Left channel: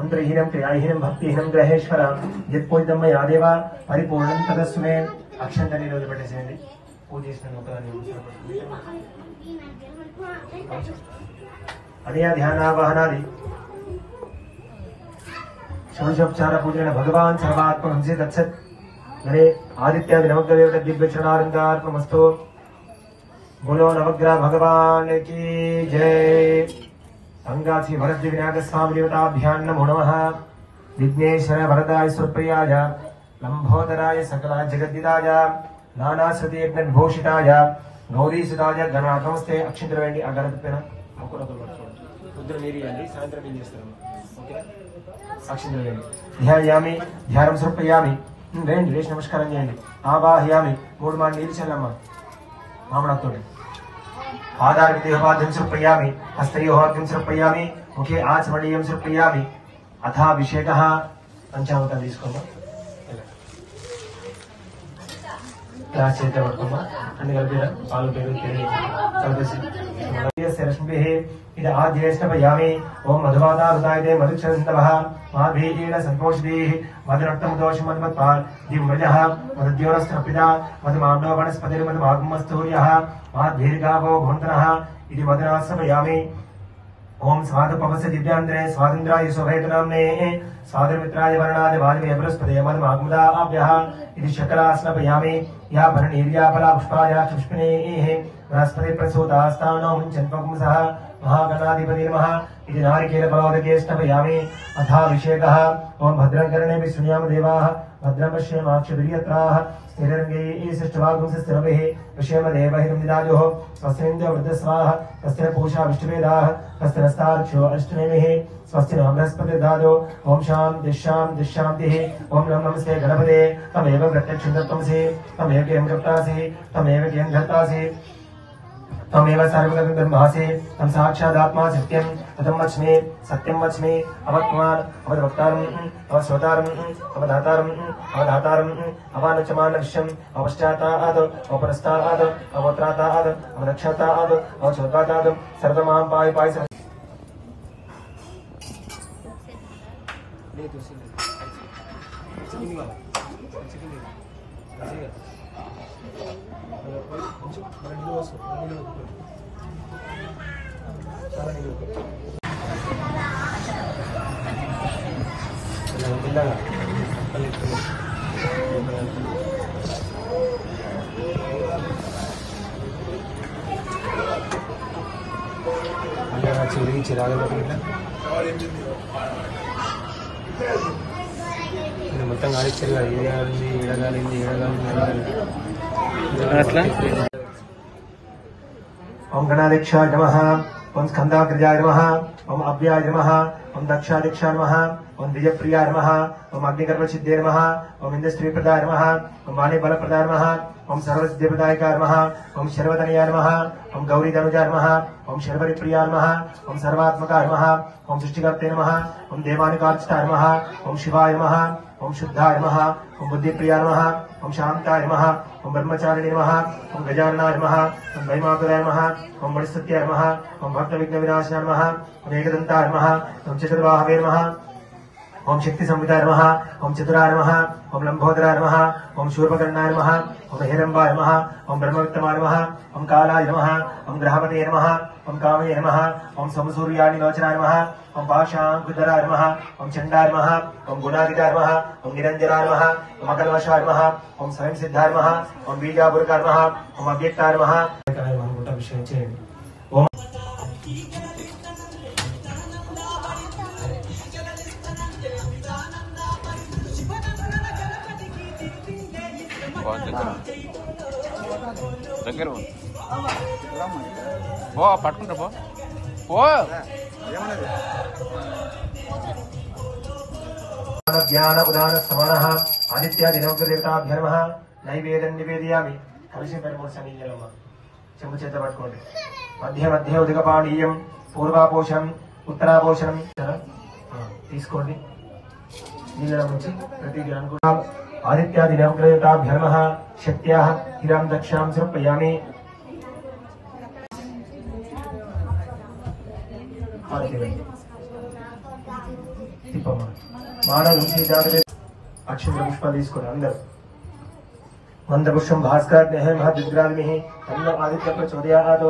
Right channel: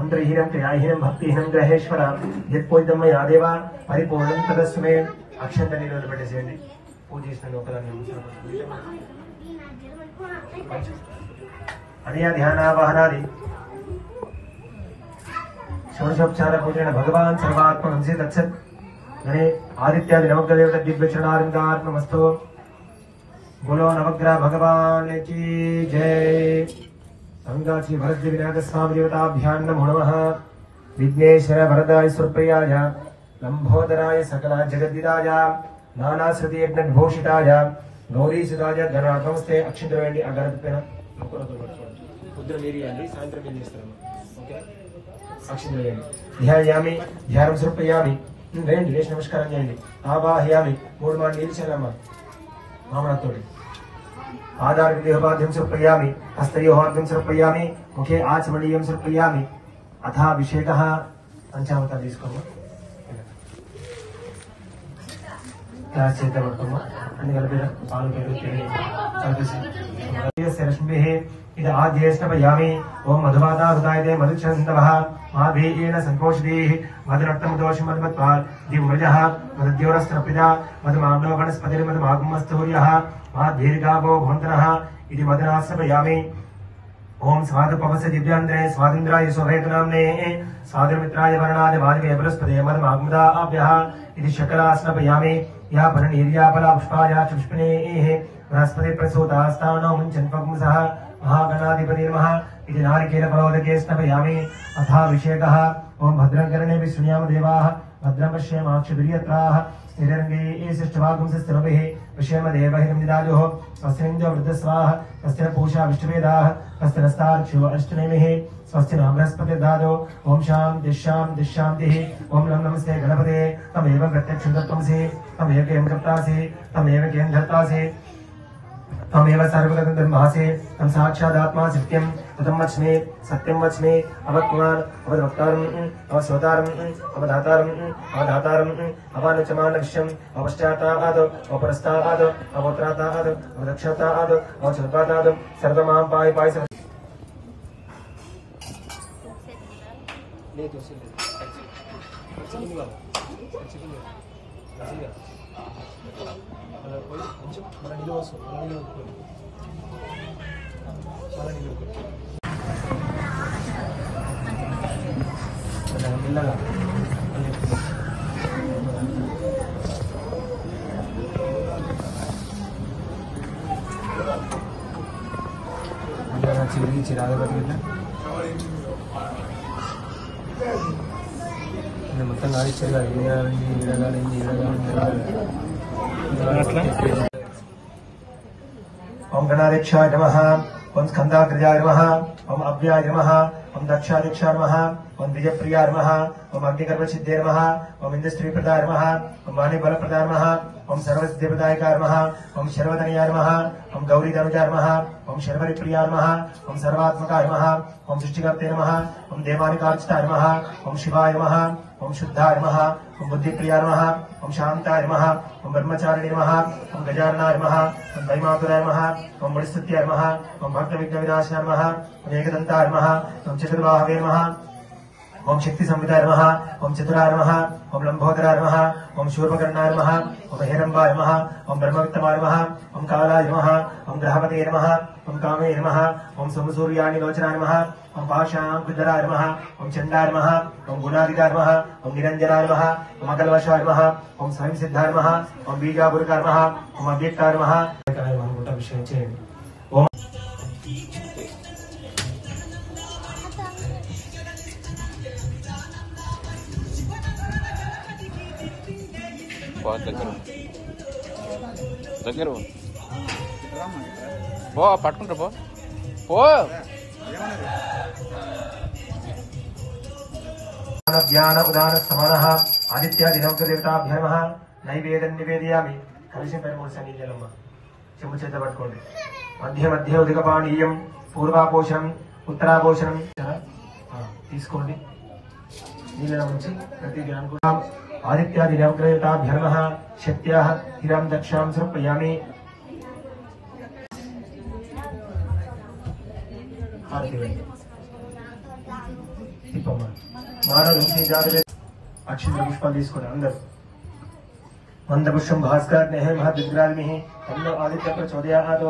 मंत्रहीनं क्रियाहीनं भक्तिहीनं ग्रहेश्वर यत्पोइदं मया देव परिपूर्णं तदस्तु मे अक्षंत नीళ్ళు పెట్టేసేయండి పూజ చేసిన ఒకదాన్ని अनया ध्यानावाहनादि षोडशोपचार पूजन भगवान सर्वात्महंसे तत्सत् गणे आदित्यादि नवग्रह दिव्यचरणारंगार्पणमस्तु। बोलो नवग्रह भगवान की जय। अंगाची भरत विनायक स्वामी देवताभ्यां नमो नमः। विघ्नेश्वर वरदाय सुरप्रियाय लंबोदराय सकल जगद्दिदाय नानाश्रुति यज्ञघोषिताय गौरीसुताय गणातमस्ते अक्षिंद्र वेंडी आ गणपతిన పొద్దున మీరు ఇవ్వండి సాయంత్రం ఏం చేస్తారమ్మా ఓకే అక్షింద్ర వేండి ధ్యాయామి ధ్యానం సమర్పయామి రండి లేచి నమస్కారం చేయండి ఆవాహయామి 3 మాటలు నీళ్ళు చల్లమ్మా మామనతోటి आधार देहवाद्यं समर्पयामि हस्तयोहाद्यं समर्पयामि मुखे आचमनीयं समर्पयामि अथाभिषेकः पंचामृतं తీసుకుందాం గ్లాస్ చేత పట్టుకోమా అన్ని కలిపి పాలు పెరుగు కలిపేసి లక్ష్మీः इद आद्येष्टपयामि ओम मधुमाता हृदयते मधुचन्दवः माभीकेन संपोषितैः मधुरक्तं दोषं मधुमत्वा दिव्यजः मधुद्योरस्त्रपिता मधुमाम्ना वनस्पतिर्मधुमागमस्तूर्यः माद्धीर्गावो भवन्तनः इति मदनासपयामि। ओम स्वादुपवस्य दिव्यान्द्रे स्वादिन्द्राय शोभयतनाम्ने स्वादुमित्राय वर्णाय वाजवे बृहस्पते मधुमागमदाभ्यः इति शकलास्नपयामि। या भरणीर्याफला पुष्पाया पुष्पिणेः बृहस्पति प्रसूतास्तानो मुञ्चन्वपुंसः महागणाधिपति नमः इति नारिकेलफलोदके स्नपयामि। अथाभिषेकः ओम भद्रकर्णे विष्णुयाम देवाः भद्रं पश्येमाक्षभिर्यत्राः स्थिरङ्गैः सृष्टवागुंसस्थिरभिः पश्येम देवहिर्निदाजुः स्वस्तिन्द्र वृद्धस्वाः स्वस्ति न पूषा विष्णुवेदाः स्वस्ति नस्तार्क्ष्यो अष्टनेमिः स्वस्ति न बृहस्पतिर्दादो ओम शान्तिः ओम नमस्ते गणपते तमेव प्रत्यक्षं दत्तमसि तमेव केम कर्तासि तमेव केम धर्तासि तमेव सर्वगतं ब्रह्मासि तम साक्षादात्मा सत्यं ततं वच्मि सत्यं वच्मि अवत्मान् अवद्वक्तारम् अवस्वतारम् अवधातारम् अवानचमानविश्यम् अवश्चातात् अवपरस्तात् अवत्रातात् अवरक्षतात् अवचोत्पातात् सर्वमां पाहि पाहि चिराग మొత్తం ఆడిచ్చారు ఓం గణాధ్యక్షాయ నమః ఓం స్కందాగ్రజాయ నమః ఓం అవ్యాయ నమః ఓం దక్షాధ్యక్షాయ నమః ఓం ద్విజప్రియాయ నమః ఓం అగ్నికర్మసిద్ధే నమః ఓం ఇంద్రశ్రీప్రదాయ నమః ఓం వాణిబలప్రదాయ నమః ओम सर्वसिद्धिप्रदायकाय नमः ओम शर्वतनयाय नमः ओम गौरीतनुजाय नमः ओम शर्वरिप्रियाय नमः ओम सर्वात्मकाय नमः ओम सृष्टिकर्ते नमः ओम देवानिकार्चिताय नमः ओम शिवाय नमः ओम शुद्धाय नमः ओम बुद्धिप्रियाय नमः ओम शान्ताय नमः ओम ब्रह्मचारिणे नमः ओम गजाननाय नमः ओम वैमातुराय नमः ओम बलिस्तुत्याय नमः ओम भक्तविघ्नविनाशाय नमः ओम एकदन्ताय नमः ओम चतुर्बाहवे नमः ओम शक्ति संविताय नमः ओम चतुराय नमः ओम लंबोदराय नमः ओम शूर्पकर्णाय नमः ओम हिरंबाय नमः ओम ब्रह्मवित्तमाय नमः ओम कालाय नमः ओम ग्रहपतये नमः ओम कामे नमः ओम सोमसूर्यानिलोचनाय नमः ओम पाशांकुधराय नमः ओम चंडाय नमः ओम गुणाधिकाय नमः ओम निरंजनाय नमः ओम अकल्मषाय नमः ओम स्वयं सिद्धाय नमः ओम बीजापुरकाय नमः ओम अव्यक्ताय नमः विषय చేయండి। ओम ज्ञान उदान समानः आदित्यादिनवग्रदेवताभ्यो नमः नैवेद्यं निवेदयामि। कलशं परिमूर्छं నీళ్ళమ్మ చెంబు చేత పట్టుకోండి। మధ్య మధ్య ఉదకపానీయం పూర్వాపోషణం ఉత్తరాపోషణం తీసుకోండి। నీళ్ళ నుంచి ప్రతి గ్రామం కూడా आदित्यादिनवग्रदेवताभ्यो नमः शक्त्याः गिरां दक्षां समर्पयामि। తిప్పమ్మా మానవ నుంచి జాగ్రత్త అక్షంత పుష్పాలు తీసుకుని అందరూ మందపుష్పం భాస్కరాగ్ని మహద్విగ్రాగ్ని తన్నో ఆదిత్య ప్రచోదయాత్